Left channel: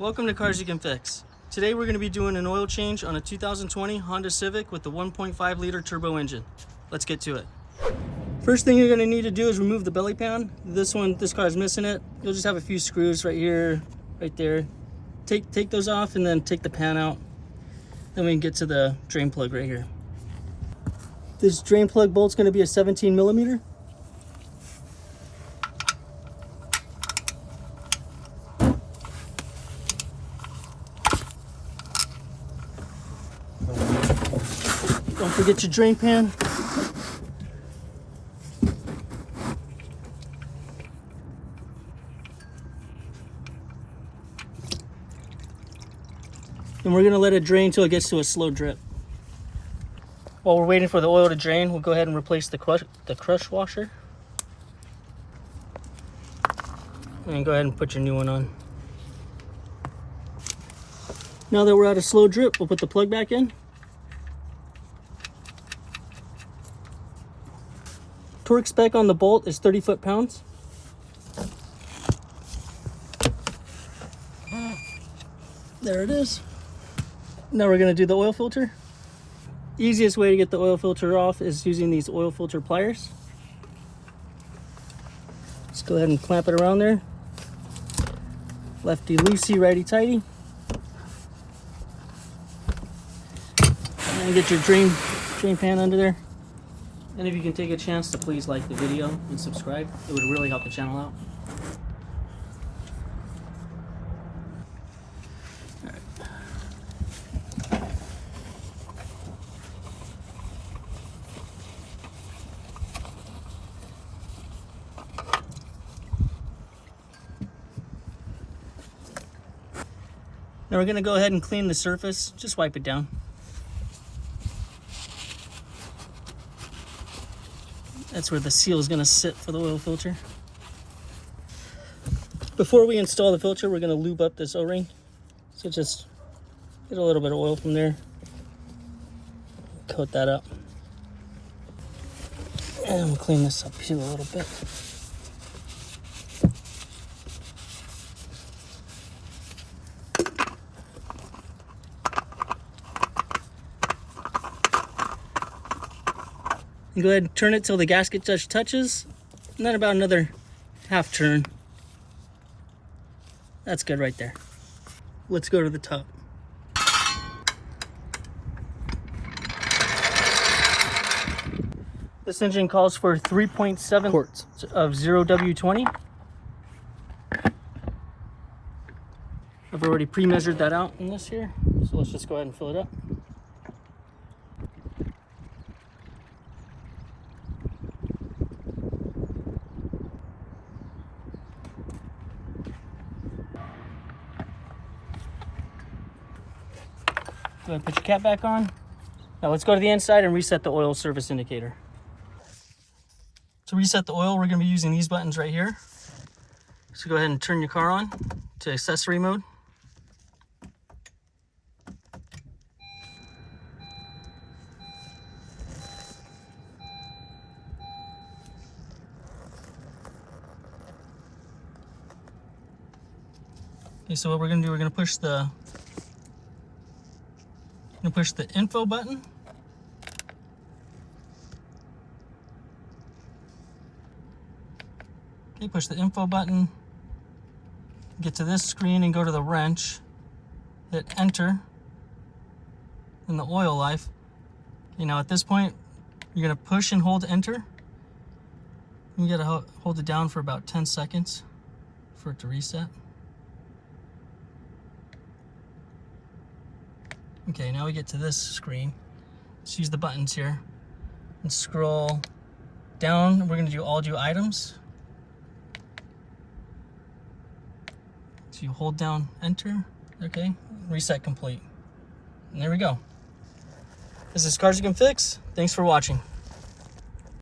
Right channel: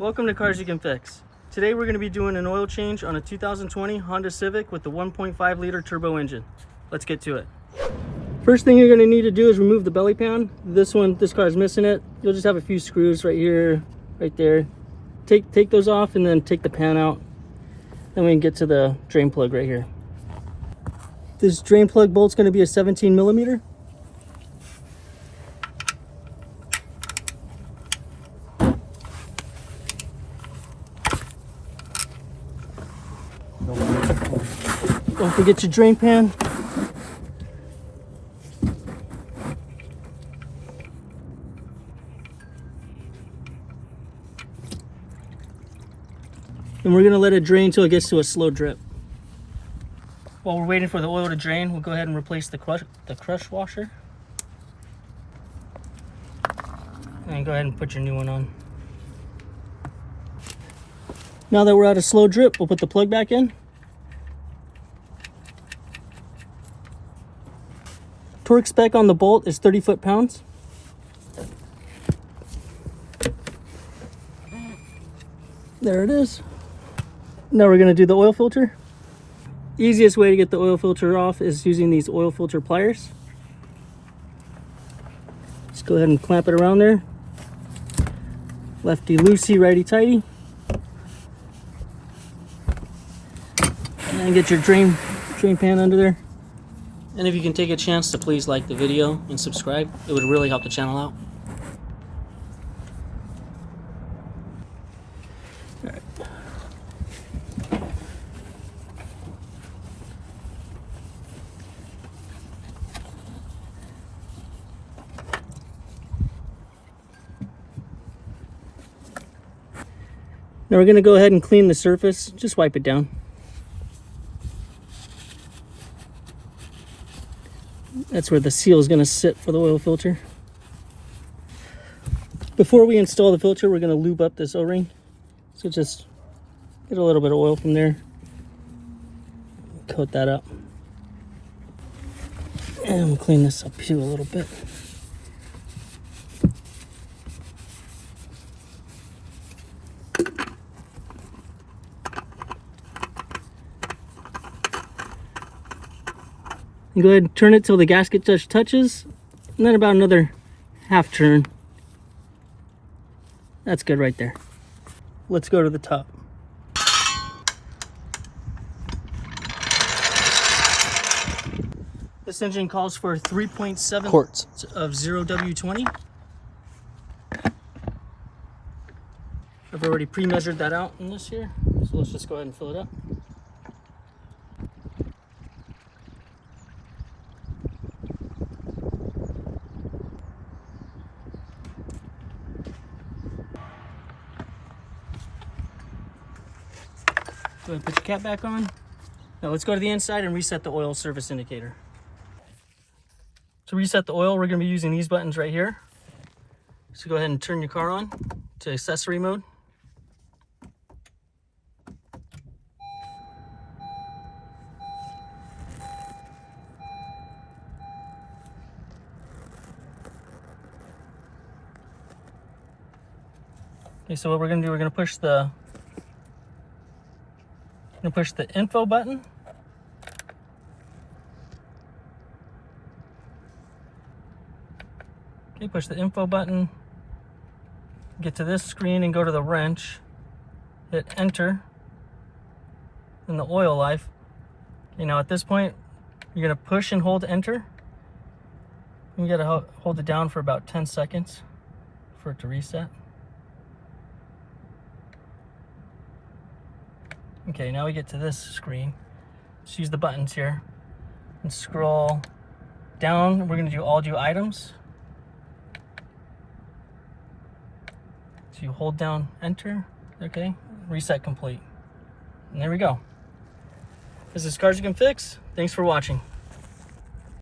Welcome to Cars You Can Fix. Today we're going to be doing an oil change on a 2020 Honda Civic with the 1.5 liter turbo engine. Let's get to it. First thing you're going to need to do is remove the belly pan. This car is missing it. You'll just have a few screws right here, right there. Take those off and then take the pan out. Then we can get to the drain plug right here. This drain plug bolt's going to be a 17 millimeter. Don't forget your drain pan. And we're going to let it drain until it gets to a slow drip. While we're waiting for the oil to drain, we'll go ahead and replace the crush washer. And go ahead and put your new one on. Now that we're at a slow drip, we'll put the plug back in. Torque spec on the bolt is 30 foot-pounds. There it is. Now we're going to do the oil filter. Easiest way to get the oil filter off is using these oil filter pliers. Just go ahead and clamp it around there. Lefty loosey, righty tighty. And get your drain pan under there. And if you can take a chance to please like the video and subscribe, it would really help the channel out. All right. Now we're going to go ahead and clean the surface. Just wipe it down. That's where the seal is going to sit for the oil filter. Before we install the filter, we're going to lube up this O-ring. So just get a little bit of oil from there. Coat that up. And we'll clean this up here a little bit. And go ahead and turn it till the gasket just touches, and then about another half turn. That's good right there. Let's go to the top. This engine calls for 3.7 quarts of 0W20. I've already pre-measured that out in this here, so let's just go ahead and fill it up. Go ahead and put your cap back on. Now let's go to the inside and reset the oil service indicator. To reset the oil, we're going to be using these buttons right here. So go ahead and turn your car on to accessory mode. Okay, so what we're going to do, we're going to push the info button. Okay, push the info button, get to this screen and go to the wrench, hit enter, in the oil life. Okay, now at this point, you're gonna push and hold enter. You gotta hold it down for about 10 seconds for it to reset. Okay, now we get to this screen. Let's use the buttons here and scroll down. We're going to do all due items. So you hold down enter, okay, reset complete. And there we go. This is Cars You Can Fix. Thanks for watching.